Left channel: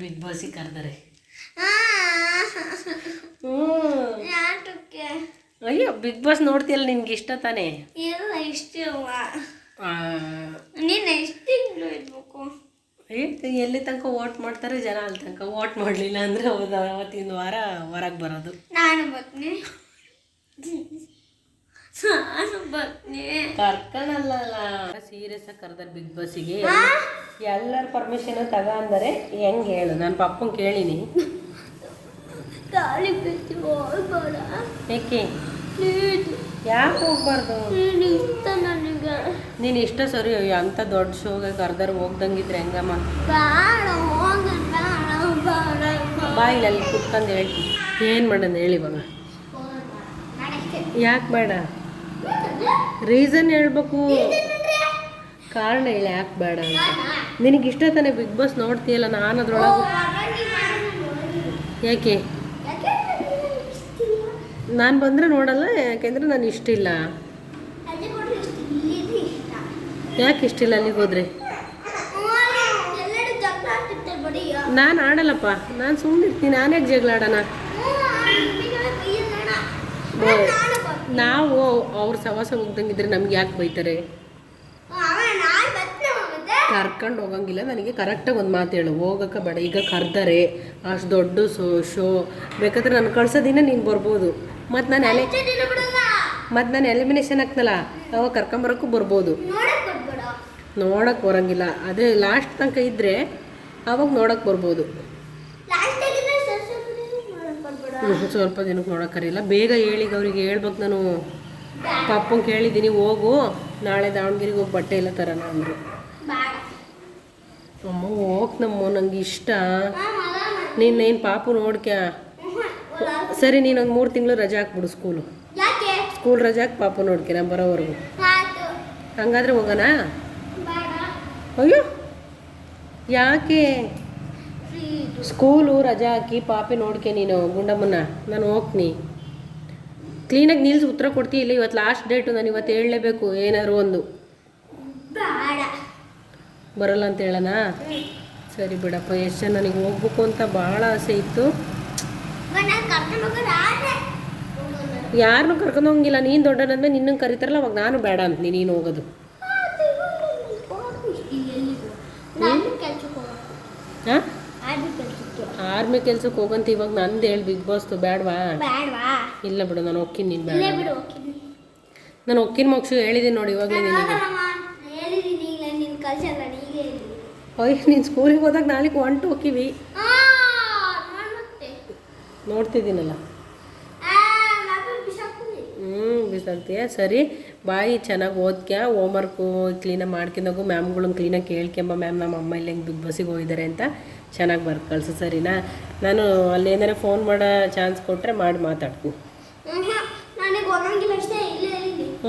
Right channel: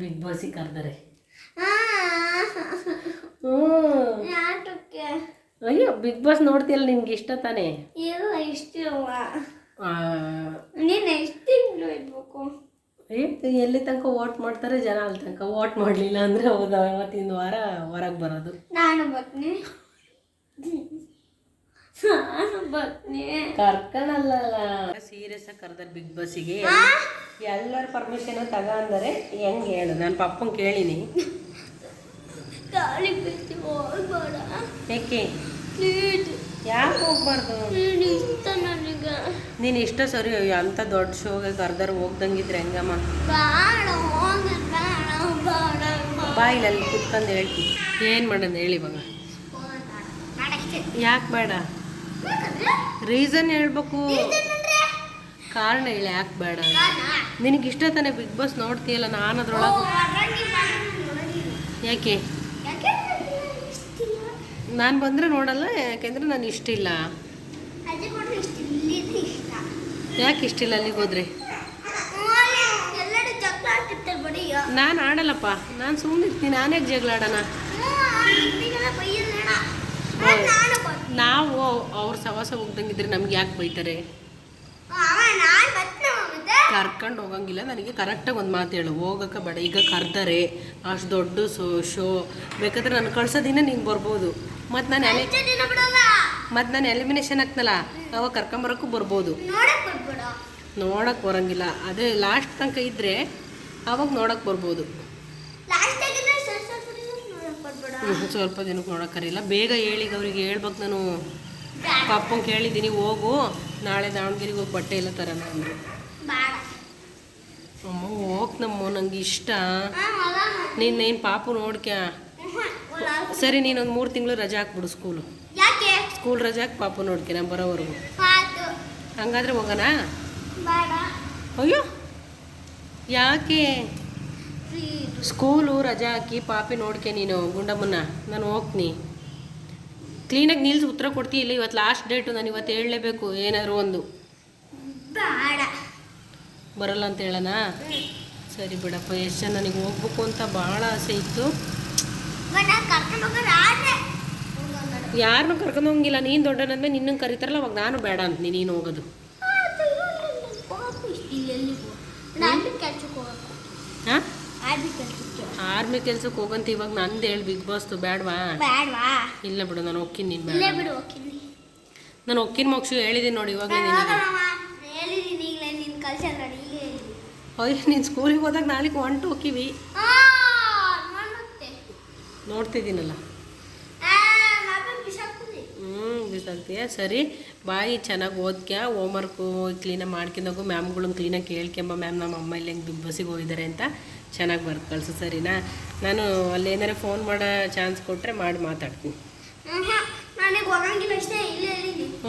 Big ಬಾಸಿಗೆ ಕರ್ದಾರೆ. ಅಯ್ಯೋ big boss ನೋಡ್ತೀಯಲ್ಲ ನಿನ್ಗೆ ಇಷ್ಟ ತಾನೇ? ಇಲ್ಲ ಇಷ್ಟ ನೀನು ಎಷ್ಟು ಇರ್ಬೇಕು? ಎಲ್ಲಿ ತನಕ ವೋಟ್ ಮಾಡ್ತಾರೆ ಜನ ಅಲ್ಲಿ ತನಕ. ವೋಟ್ ಮಾಡಲಿಲ್ಲ ಅಂದರೆ ಹೋದ ಅವತ್ತಿನ ವಾರ ಹೊರಗೆ ಬರೋದು. ನಾನು ಬರ್ತೀನಿ. ಕರ್ಕಣಲ್ಲ ಸೀರಿಯಸ್ ಆಗಿ ಕರೆದಾರೆ ಬಿಗ್ ಬಾಸಿಗೆ ಎಲ್ಲರ ಪರ್ಮಿಷನ್ ತಗ ಅಂದರೆ ಹೆಂಗೆ ಹೇಳು? ನಾನು ಪಪ್ಪನ ಕೇಳೀನಿ. ಏಕೆ? ಯಾಕೆ ಹೋಗ್ಬಾರ್ದು? ನೀನು ಇಷ್ಟ ಸರಿ ಅಂತ ದೊಡ್ಡ ಶೋಗೆ ಕರ್ದಾರ ಹೋಗ್ದಂಗಿದ್ರೆ ಹೆಂಗಮ್ಮ? ಬೇಡ ಹೋಗ ಬೇಡ ಬೇಡ. ಬಾಯಿಲಿ ಅಲ್ಲಿ ಕುತ್ಕೊಂಡು ಹೇಳ್ತೀನಿ ಏನು ಮಾಡೋಣ ಹೇಳಿ ಇವಾಗ? ಯಾಕೆ ಬೇಡ? ರೀಸನ್ ಹೇಳ್ಬೇಕು. ಕಾರಣ ಇಲ್ಲ ಯಾಕೆ ಬೇಡ ಅಂತ. ನಿನಗೆ ಇಷ್ಟ ತಾನೇ ಬಿಗ್ ಬಾಸ್ ನೋಡ್ತೀಯಲ್ಲ ನಾನು ಅದ್ರೊಳಗೆ ಯಾಕೆ? ನಾನು ಬಂದರೆ ನೋಡಲ್ಲ ಯಾಕೆಂದ್ರೆ ನಾನು ಇಷ್ಟಿಲ್ಲ ಯಾಕೆ ಇಷ್ಟಿಲ್ಲ ಅಲ್ಲಿಗೆ ಹೋದ್ರೆ? ನಾನು ಆಡಲ್ಲಪ್ಪ ನಾನು ಸುಮ್ಮನೆ ಇರ್ತೀನಿ ನಾನ್ಯಾಕೆ ಜಗಳ ಆಡೋಣ? ನಾನು ನಾವು ಅವ್ರ ಸವಾಸ ಹೋಗ್ದಂಗಿದ್ರೆ ನಮ್ಗೆ ಯಾಕೆ ಬೈತಾರೆ? ಕರ್ಕೊಂಡು ಹೋಗಂಗಿಲ್ಲ ನನಗೆ ಕರೆಕ್ಟಾಗಿ ಒಂದು ಮಾತು ಹೇಳು. ಹೋಗೋಕೆ ಬೇಡ ಈಗ ಕರ್ದಾರೆ ಅಷ್ಟು ದೊಡ್ಡ ಶೋ ಶೋ. ಬೇಕಾದ್ರೆ ನಾನು ಕಳ್ಸೋದಿನ ನೀನು ಬರ್ಬೋದು. ಮತ್ತು ನಾನು ಅಲೆ ಮತ್ತು ನಾನು ಎಲಿಮಿನೇಷನ್ ಆಗ್ತಲ್ಲ ಅವಾಗ ಕರ್ಕೊಂಬರೋಕ್ಕೂ ಬರ್ಬೋದು. ನೋಡೋಕ್ಕೆ ನೋಡೋಕೆ ಬರೋಂಗಿಲ್ಲ. ಆದರೆ ಲಾಸ್ಟ್ ತನಕ ಇದ್ದರೆ ಅವಾಗ ನೋಡೋಕೆ ಬರ್ಬೋದು ಲಾಸ್ಟ್ ಆಗಿದ್ರೆ ಸ್ವಲ್ಪ ಸ್ವಲ್ಪ ದಿನ ನೋಡಕ್ ಬರ್ಬೇಡ ಹ್ಮ್, ಸ್ವಲ್ಪ ದಿನಕ್ಕೆ ನೋಡೋಕ್ಕರಿಲ್ಲ ಬೇಗ ಹೇಳಿ ಅವ್ರಿಗೆ ಹೇಳ್ಬೇಕು ನಾನು. ಪಾಪಂಗೆ ಕೇಳಿದ್ದೀನಿ ಹೋಗು. ನಾಳೆ ದಾವಣಗೆರೆಗೆ ಹೋಗಿ ಬಟ್ಟೆ ಎಲ್ಲ ತರೋಣ ಅಂದರು. ಅಮ್ಮ ಹೋಗ್ನಮ್ಮ ನಂಗೆ ಇಷ್ಟ. ನೀನೇನು ಪಾಪು ನೋಡ್ಕ್ಯಾ? ಸರಿ ನೀನು ನೀನೊಂದು ಮೂರು ತಿಂಗಳು ರಜೆ ಹಾಕ್ಬಿಡು ಸ್ಕೂಲು. ಸ್ಕೂಲ್ ರಜೆ ಹಾಕಿ ಪಾಪ ನೋಡ್ಕೆ ನಾನು ಬರೋವರೆಗೂ. ಹಂಗಾದ್ರೆ ಹೋಗೋಣ? ಅಯ್ಯೋ! ಯಾಕೆ? ಸ್ಕೂಲು ರಜೆ ಹಾಕಿ ಪಾಪಿ ನೋಡ್ಕೆ ನೀನು ಗುಂಡಮ್ಮನ ನಾನು ಹೋಗ್ತೀನಿ. ಕ್ಲೀನಾಗಿ ನಿಲ್ಸಿ ಉತ್ತರ ಕೊಡ್ತೀಯ ಇಲ್ಲ? ಇವತ್ತು ಲಾಸ್ಟ್ ಡೇಟು ನಾನು ಇವತ್ತು ಹೇಳಲೇಬೇಕು. ಏನಾದ್ರು ಒಂದು. ಬರಲ್ಲ ಅಂತ ಹೇಳೋಣ ಸರಿ ಬಿಡಪ್ಪ ಎಷ್ಟು ನನಗೆ ಹೋಗ್ಬೇಕು ಅಂತ ಭಾಳ ಆಸೆ ಇತ್ತು. ಯಾರನ್ನೂ ಕರ್ಕೊಂಡು ಹೋಗಿಲ್ಲ ನೀನು ದೊಡ್ಡನಂದ್ರೆ ನಿನ್ನನ್ನು ಕರೀತಾರಲ್ಲ ಅವಾಗ ನಾನು ಬೇಡ ಅಂತ ನೀನು ಹೋಗೋದು. ಹಾಂ. ಆರ್ಮಿ ಕೆಲ್ಸಕ್ಕೆ ಹೋಗಂತ ಇವಾಗ ನಂದು ಹೇಳಿ ಬಿಗ್ ಬಾಸ್ದು ಬೇಡವಾ ಬೇಡ್ವಾ? ಇಲ್ಲ ಬಿಡು ನಾನು ಹೋಗ್ತೀನಿ ನೀನು ಇಲ್ಲೇ ಬೇಡ ಹೋಗ್ತೀನಿ. ನಾನು ಒಕ್ಕಿನ ಮೋಕ್ಷು ಹೇಳಿದ್ದೀನಿ ನೋಡಿ ಇವಾಗಲೇ ಹೇಳಿದ್ದೀನಿ ಈಗಲೇ ನೀನು ಕಳ್ಸಲ್ಲ ನೀನು ಹೇಳಿ. ಅಯ್ಯ ನೀನು ಸ್ಕೂಲಿಗೆ ಹೋದಾಗ ನಾಳೆಗೆ ಹೊಂಟು ಹೋಗಿವಿ. ನೋಡ್ತಿದ್ದೀನಲ್ಲ. ಹ್ಞೂ ಬಿಸಾಕ್ತೀಯ ಸರಿ ಬಾಯಿ ಚೆನ್ನಾಗಿ ಓದ್ಕ್ಯ ಹೋಮ್ವರ್ಕು ಕ್ಲೀನಾಗಿ ಮಾಡ್ಕೊಂಡಾಗು ಮ್ಯಾಮ್ಗಳನ್ನ ಕ್ಲೀನಾಗಿ ಕೇಳ್ಕೊಂಬ ಮ್ಯಾಮ್ ನಮ್ಮ ಅಮ್ಮ ಇಲ್ಲಿ ಹೆಂಗೆ ಬಿಗ್ ಬಾಸಿಗೆ ಹೋಗಿದ್ದಾರೆ ಅಂತ ಚೆನ್ನಾಗಿ ಬರ್ದು ಕಳಿಸು ಸರಿನಾ? ನಾನು ಅಲ್ಲಿ ಏನಾರ ಫೋನ್ ಮಾಡೋ ಚಾನ್ಸ್ ಕೊಟ್ಟರೆ ಮಾಡಿ ಮಾತಾಡ್ತೀನಿ.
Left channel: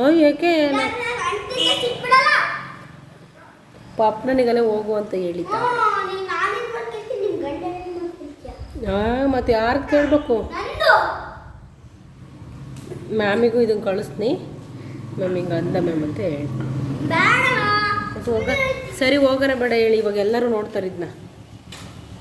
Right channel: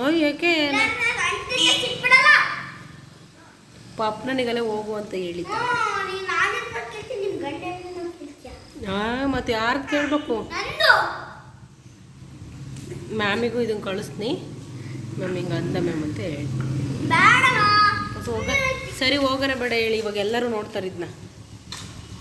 ಓ ಯಾಕೆ. ಪಾಪ ನನಗಲ್ಲೇ ಹೋಗು ಅಂತ ಹೇಳಿದ್ದ? ಹಾಂ ಮತ್ತು ಯಾರು ಕೇಳಬೇಕು? ಮ್ಯಾಮಿಗೂ ಇದನ್ನು ಕಳಿಸ್ತೀನಿ. ಮ್ಯಾಮ್ ಹಿಂಗೆ ಅಂದ ಮ್ಯಾಮ್ ಅಂತ ಹೇಳಿ? ಸರಿ ಹೋಗೋಣ ಬೇಡ ಹೇಳಿ ಇವಾಗ ಎಲ್ಲರೂ ನೋಡ್ತಾರೆ ಇದನ್ನ